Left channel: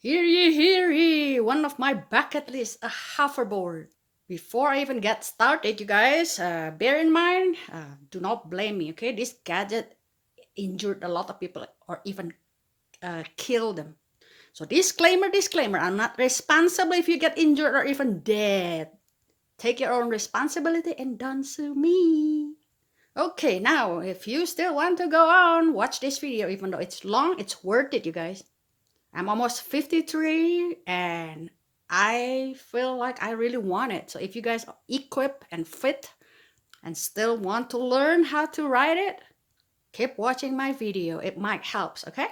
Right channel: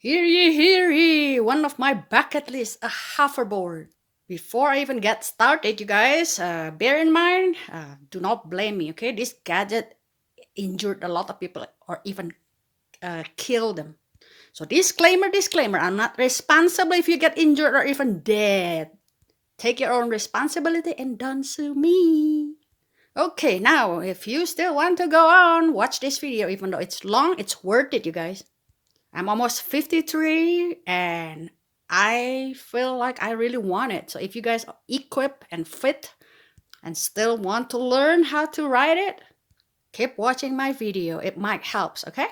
Hear ye, one of my bucket list, a hoverboard. Before I even get started, you guys, bear in mind, do not blame me, okay? This gadget injured a lot of people or even killed them. So disclaimer, I'm not responsible if you get injured or even dead. Take your own responsibility and don't sue me. Okay, now, if you still want to go on, watch this video. Even though it's long, it's worth it, you guys. I'm almost 53 and I feel like I really want it. So if you guys are equipped and fit and still want to learn how to ride it, keep watching my video. It might help, okay?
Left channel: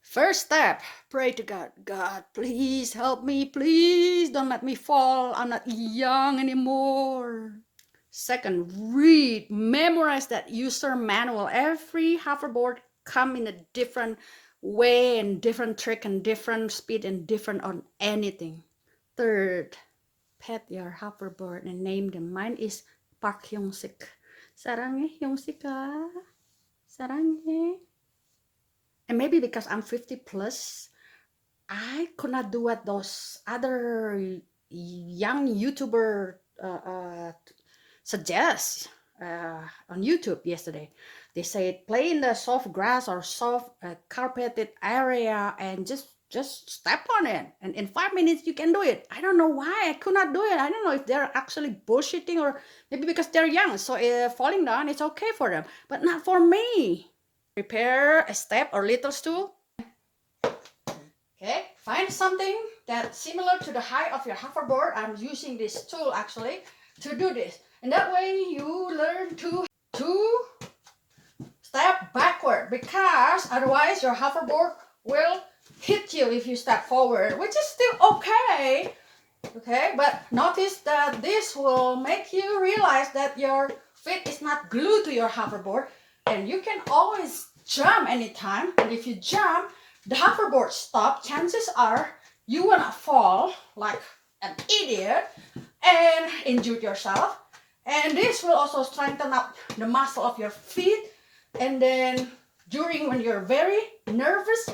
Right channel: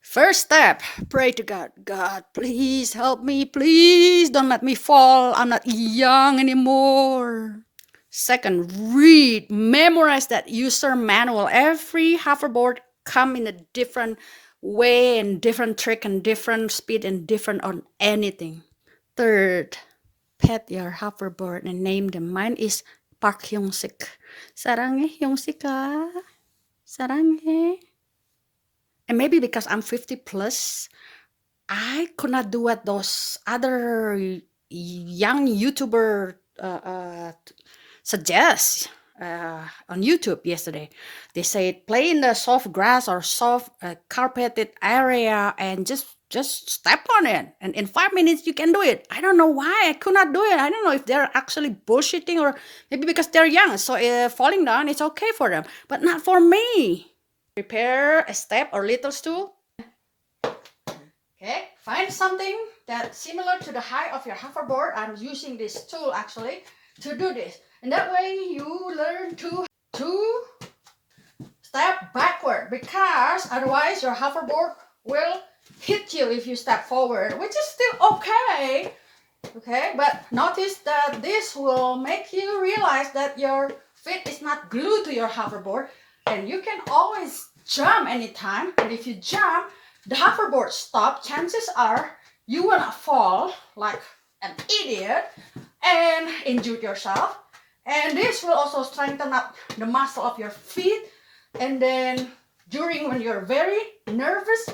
First step, pray to God. God, please help me. Please don't let me fall. I'm not young anymore. Second, read, memorize that user manual. Every hoverboard come in a different way and different trick and different speed and different on anything. Third, pet your hoverboard and name them. Mine is Park Hyung-sik. 사랑해, 형식아. 사랑해. And maybe because I'm 50 plus, I could not do what those other young YouTuber suggest on YouTube yesterday. They said play in the soft grass or soft carpeted area and just step on it, and in 5 minutes you can do it. I don't know why I could not do it. I don't know if they're actually bullshitting or maybe because they're young, so falling down it's okay for them, but not for me. Prepare a step or little stool. Okay, find something that's similar to the height of your hoverboard. I'm using this tool actually to do this, and that way you learn to step backward, because otherwise your hoverboard will hit you if you step forward, which is still okay. Okay, but notice that this will make you realize that your feet is not glued to your hoverboard, and you can always jump anytime. But if you jump, the hoverboard stop, chances are you will not fall like an idiot and injure yourself. And this will also strengthen up the muscle of your feet. And then when you're very nervous,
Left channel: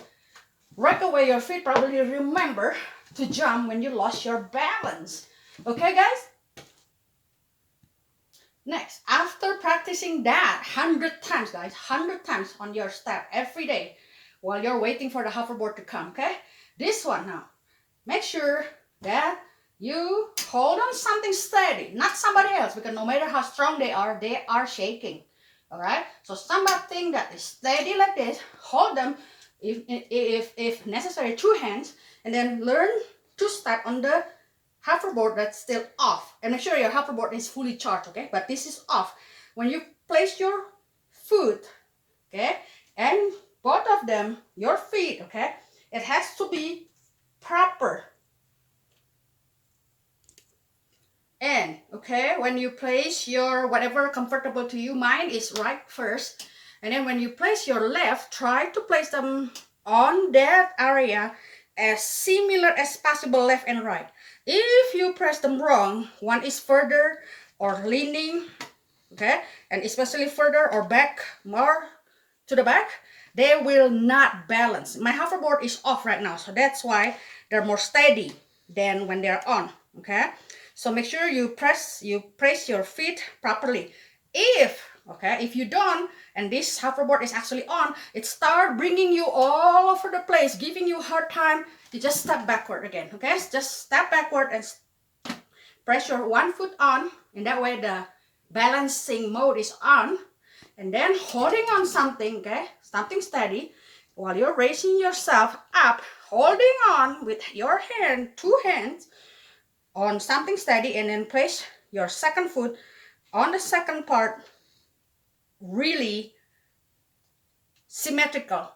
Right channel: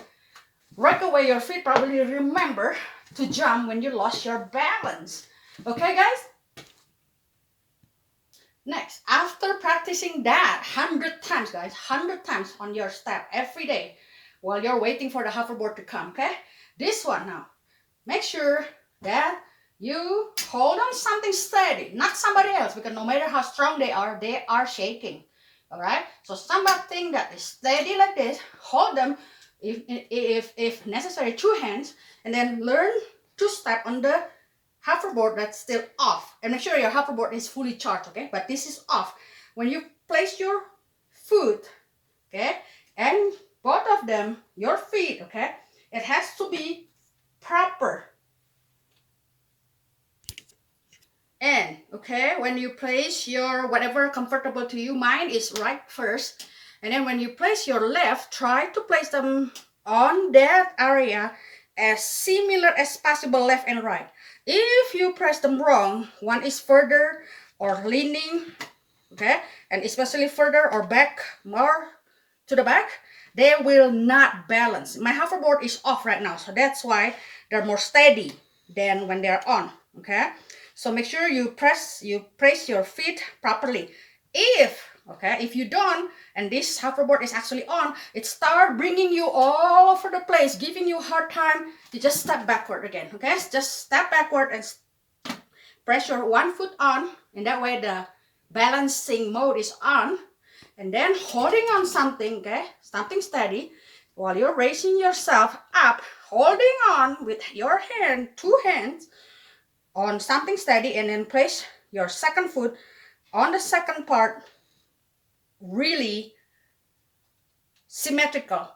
right away your feet probably remember to jump when you lost your balance. Okay, guys? Next, after practicing that 100 times, guys, 100 times on your step every day while you're waiting for the hoverboard to come, okay? This one now, make sure that you hold on something steady, not somebody else, because no matter how strong they are shaking. All right, so something that is steady like this, hold them if necessary, two hands, and then learn to step on the hoverboard that's still off, and make sure your hoverboard is fully charged, okay? But this is off. When you place your foot, okay, and both of them, your feet, okay, it has to be proper. And okay, when you place your whatever comfortable to you, mine is right first, and then when you place your left, try to place them on that area as similar as possible, left and right. If you press them wrong, one is further or leaning, okay, and especially further or back, more to the back, they will not balance. My hoverboard is off right now, so that's why they're more steady than when they're on, okay? So make sure you place your feet properly. If you don't, and this hoverboard is actually on, it start bringing you all over the place, giving you a hard time, you just step backward again, okay? Just step backward and press your one foot on, and that way the balancing mode is on, and then holding on something, okay? Something steady, while you're raising yourself up, holding on with your hand, two hands, on something steady, and then place your second foot on the second part, really symmetrical,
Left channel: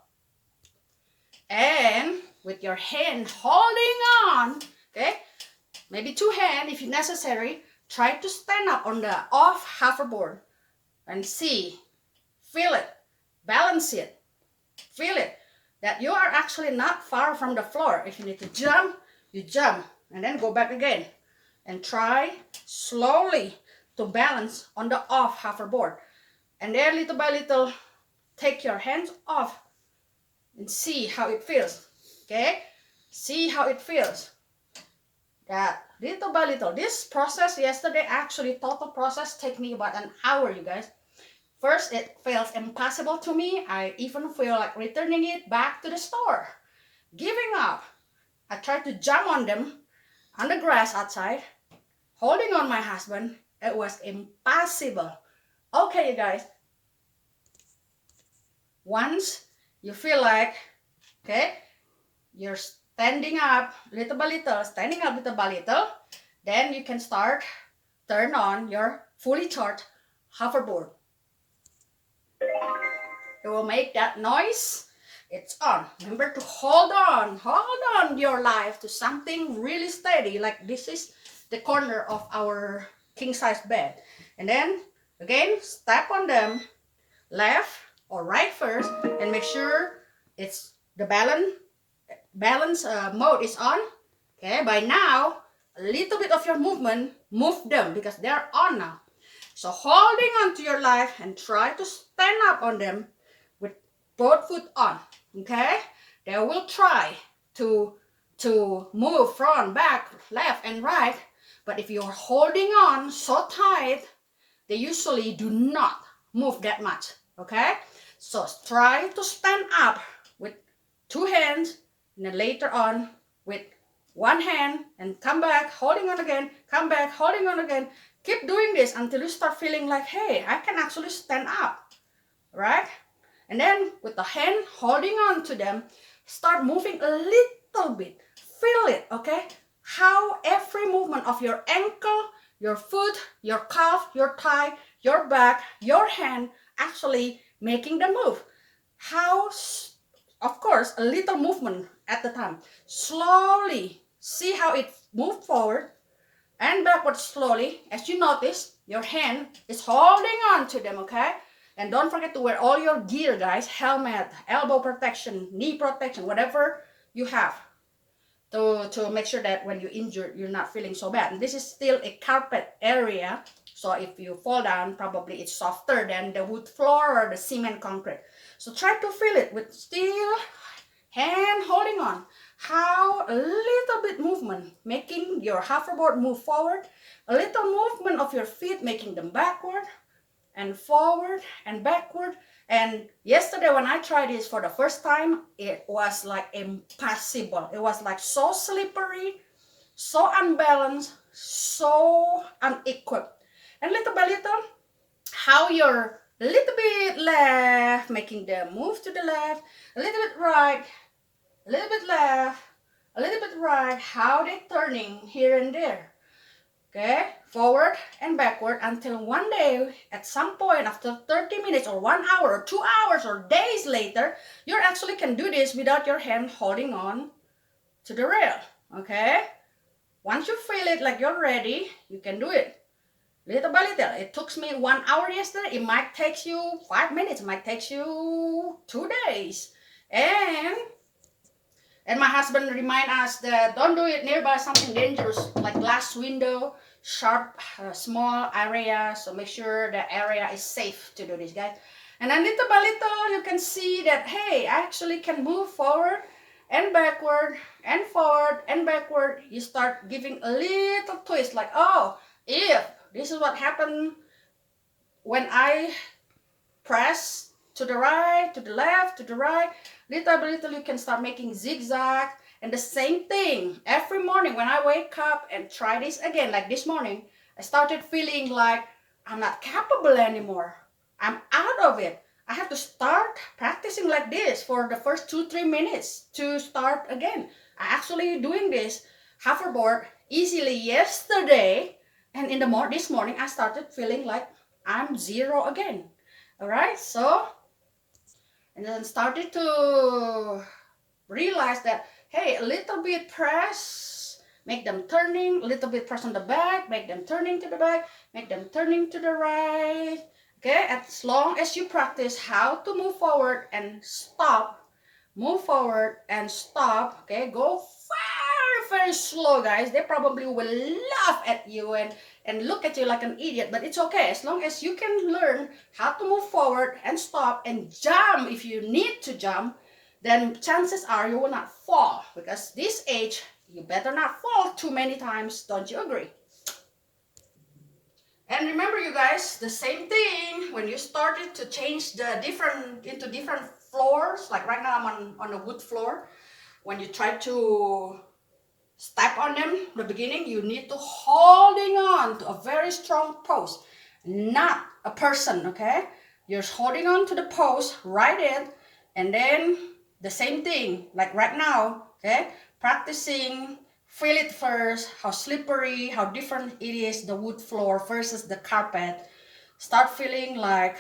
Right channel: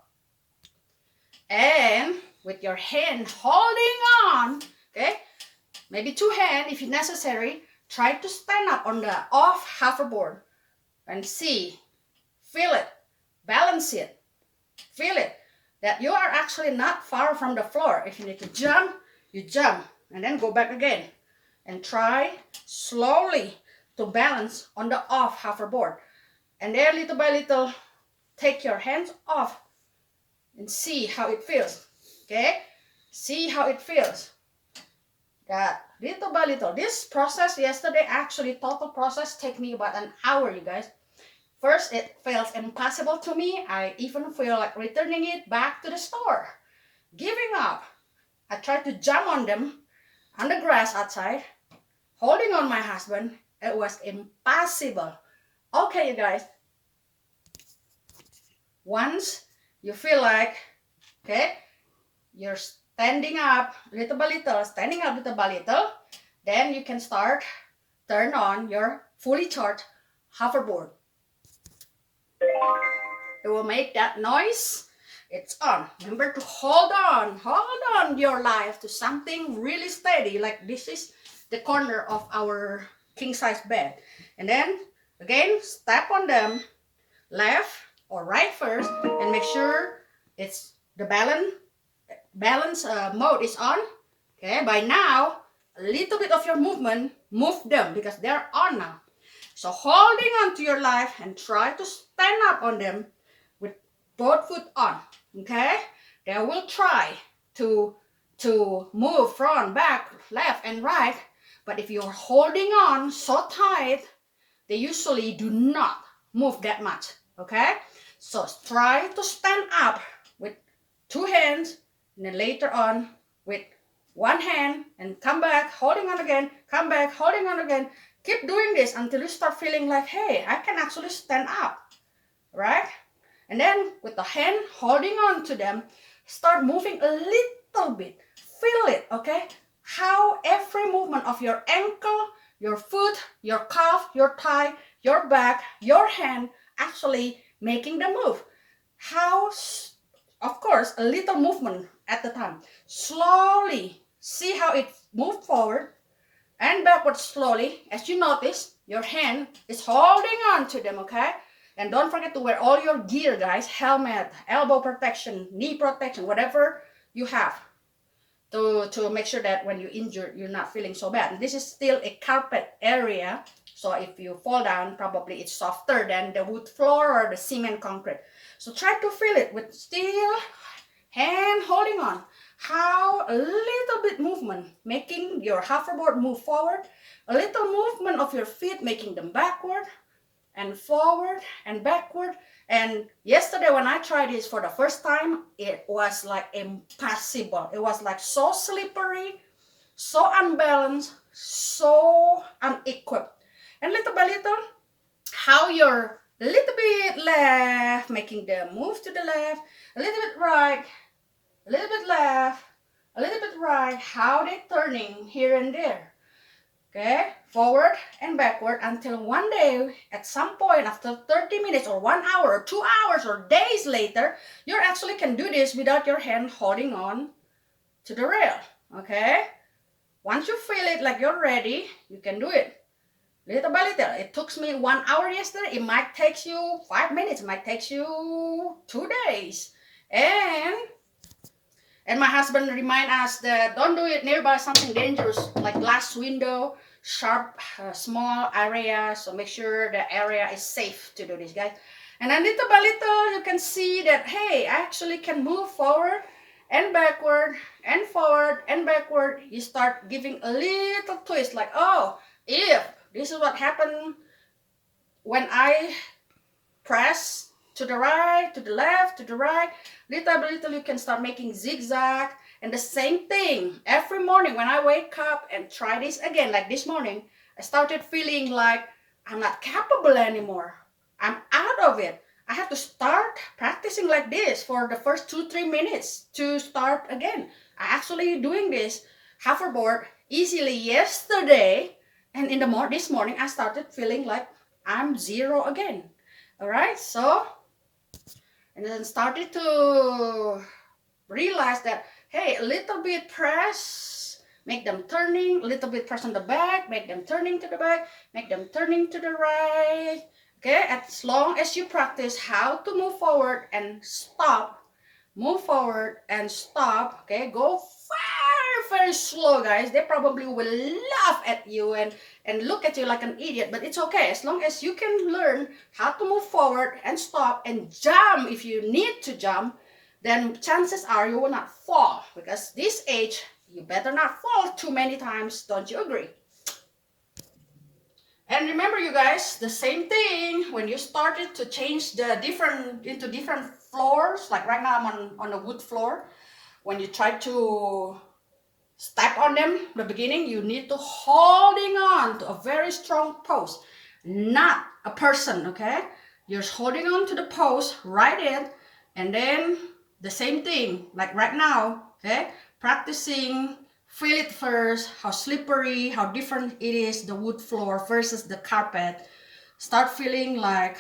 and with your hand holding on, okay, maybe two hands if necessary. Try to stand up on the off hoverboard and see, feel it, balance it, feel it, that you are actually not far from the floor. If you need to jump, you jump and then go back again, and try slowly to balance on the off hoverboard. And then little by little, take your hands off and see how it feels, okay? See how it feels. That little by little. This process yesterday, actually total process, take me about an hour, you guys. First, it feels impossible to me. I even feel like returning it back to the store. Giving up. I tried to jump on them on the grass outside, holding on my husband. It was impossible. Okay, you guys. Once you feel like, okay, you're standing up little by little, standing up little by little, then you can start turn on your fully charged hoverboard. It will make that noise. It's on. Remember to hold on your life to something really steady. Like this is the corner of our king size bed. And then again, step on them left or right first and make sure it's the balance mode is on. Okay, by now a little bit of your movement, move them because they're on now. So holding on to your life and try to stand up on them with both foot on. Okay, they will try to move front, back, left and right, but if you're holding on so tight, they usually do not move that much. Okay, so try to stand up with two hands and then later on with one hand and come back, holding on again, come back, holding on again. Keep doing this until you start feeling like, hey, I can actually stand up, right? And then with the hand holding on to them, start moving a little bit. Feel it, okay? How every movement of your ankle, your foot, your calf, your thigh, your back, your hand actually making the move. How, of course, a little movement at the time. Slowly, see how it moves forward and backward slowly. As you notice, your hand is holding on to them, okay? And don't forget to wear all your gear, guys. Helmet, elbow protection, knee protection, whatever you have to make sure that when you injured, you're not feeling so bad. And this is still a carpet area, so if you fall down, probably it's softer than the wood floor or the cement concrete. So try to feel it with still hand holding on. How a little bit movement making your hoverboard move forward, a little movement of your feet making them backward and forward and backward. And yesterday when I tried this for the first time, it was like impossible. It was like so slippery, so unbalanced, so unequipped. And little by little, how you're a little bit left, making them move to the left, a little bit right, a little bit left, a little bit right, how they're turning here and there. Okay, forward and backward until one day, at some point after 30 minutes or 1 hour or 2 hours or days later, you actually can do this without your hand holding on to the rail. Okay, once you feel it like you're ready, you can do it little by little. It took me 1 hour yesterday. It might take you 5 minutes. It might take you 2 days. And my husband remind us that don't do it nearby something dangerous like glass window, sharp, small area. So make sure the area is safe to do this, guys. And then little by little, you can see that, hey, I actually can move forward and backward and forward and backward. You start giving a little twist like, oh, if this is what happened when I press to the right, to the left, to the right, little by little you can start making zigzag. And the same thing every morning when I wake up and try this again, like this morning, I started feeling like I'm not capable anymore. I'm out of it. I have to start practicing like this for the first 2-3 minutes to start again. I actually doing this hoverboard easily yesterday, and in the this morning I started feeling like I'm zero again. All right, so and then started to realize that, hey, a little bit press, make them turning, a little bit press on the back, make them turning to the back, make them turning to the right. Okay, as long as you practice how to move forward and stop, move forward and stop, okay, go very slow, guys. They probably will laugh at you and look at you like an idiot, but it's okay. As long as you can learn how to move forward and stop and jump if you need to jump, then chances are you will not fall, because this age, you better not fall too many times. Don't you agree? And remember, you guys, the same thing when you started to change the different floors. Like right now, I'm on a wood floor. When you try to step on them, the beginning, you need to holding on to a very strong post, not a person. Okay, you're holding on to the post right in, and then the same thing like right now. Okay, practicing. Feel it first, how slippery, how different it is, the wood floor versus the carpet. Start feeling like,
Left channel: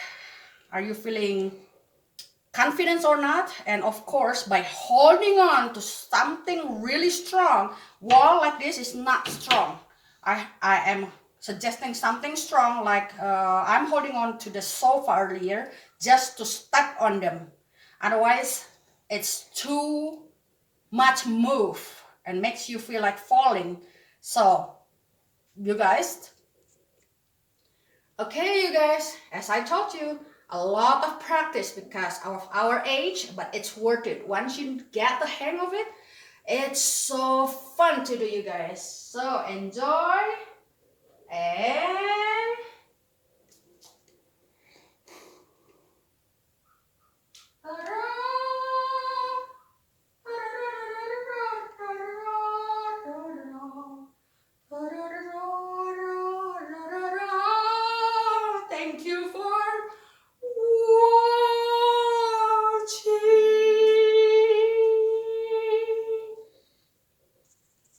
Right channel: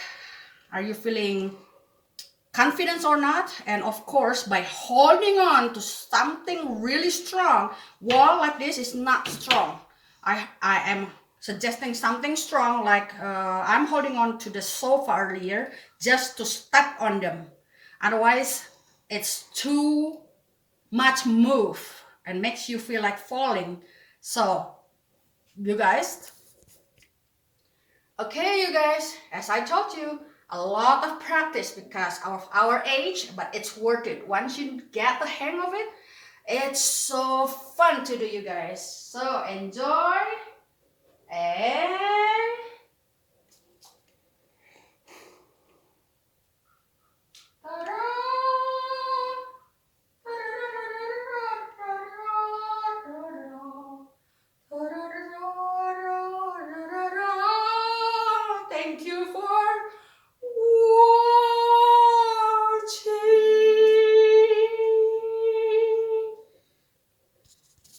are you feeling confidence or not? And of course, by holding on to something really strong, wall like this is not strong. I am suggesting something strong, like I'm holding on to the sofa earlier just to step on them. Otherwise, it's too much move and makes you feel like falling. So you guys, okay, you guys, as I told you, a lot of practice because of our age, but it's worth it. Once you get the hang of it, it's so fun to do, you guys. So enjoy and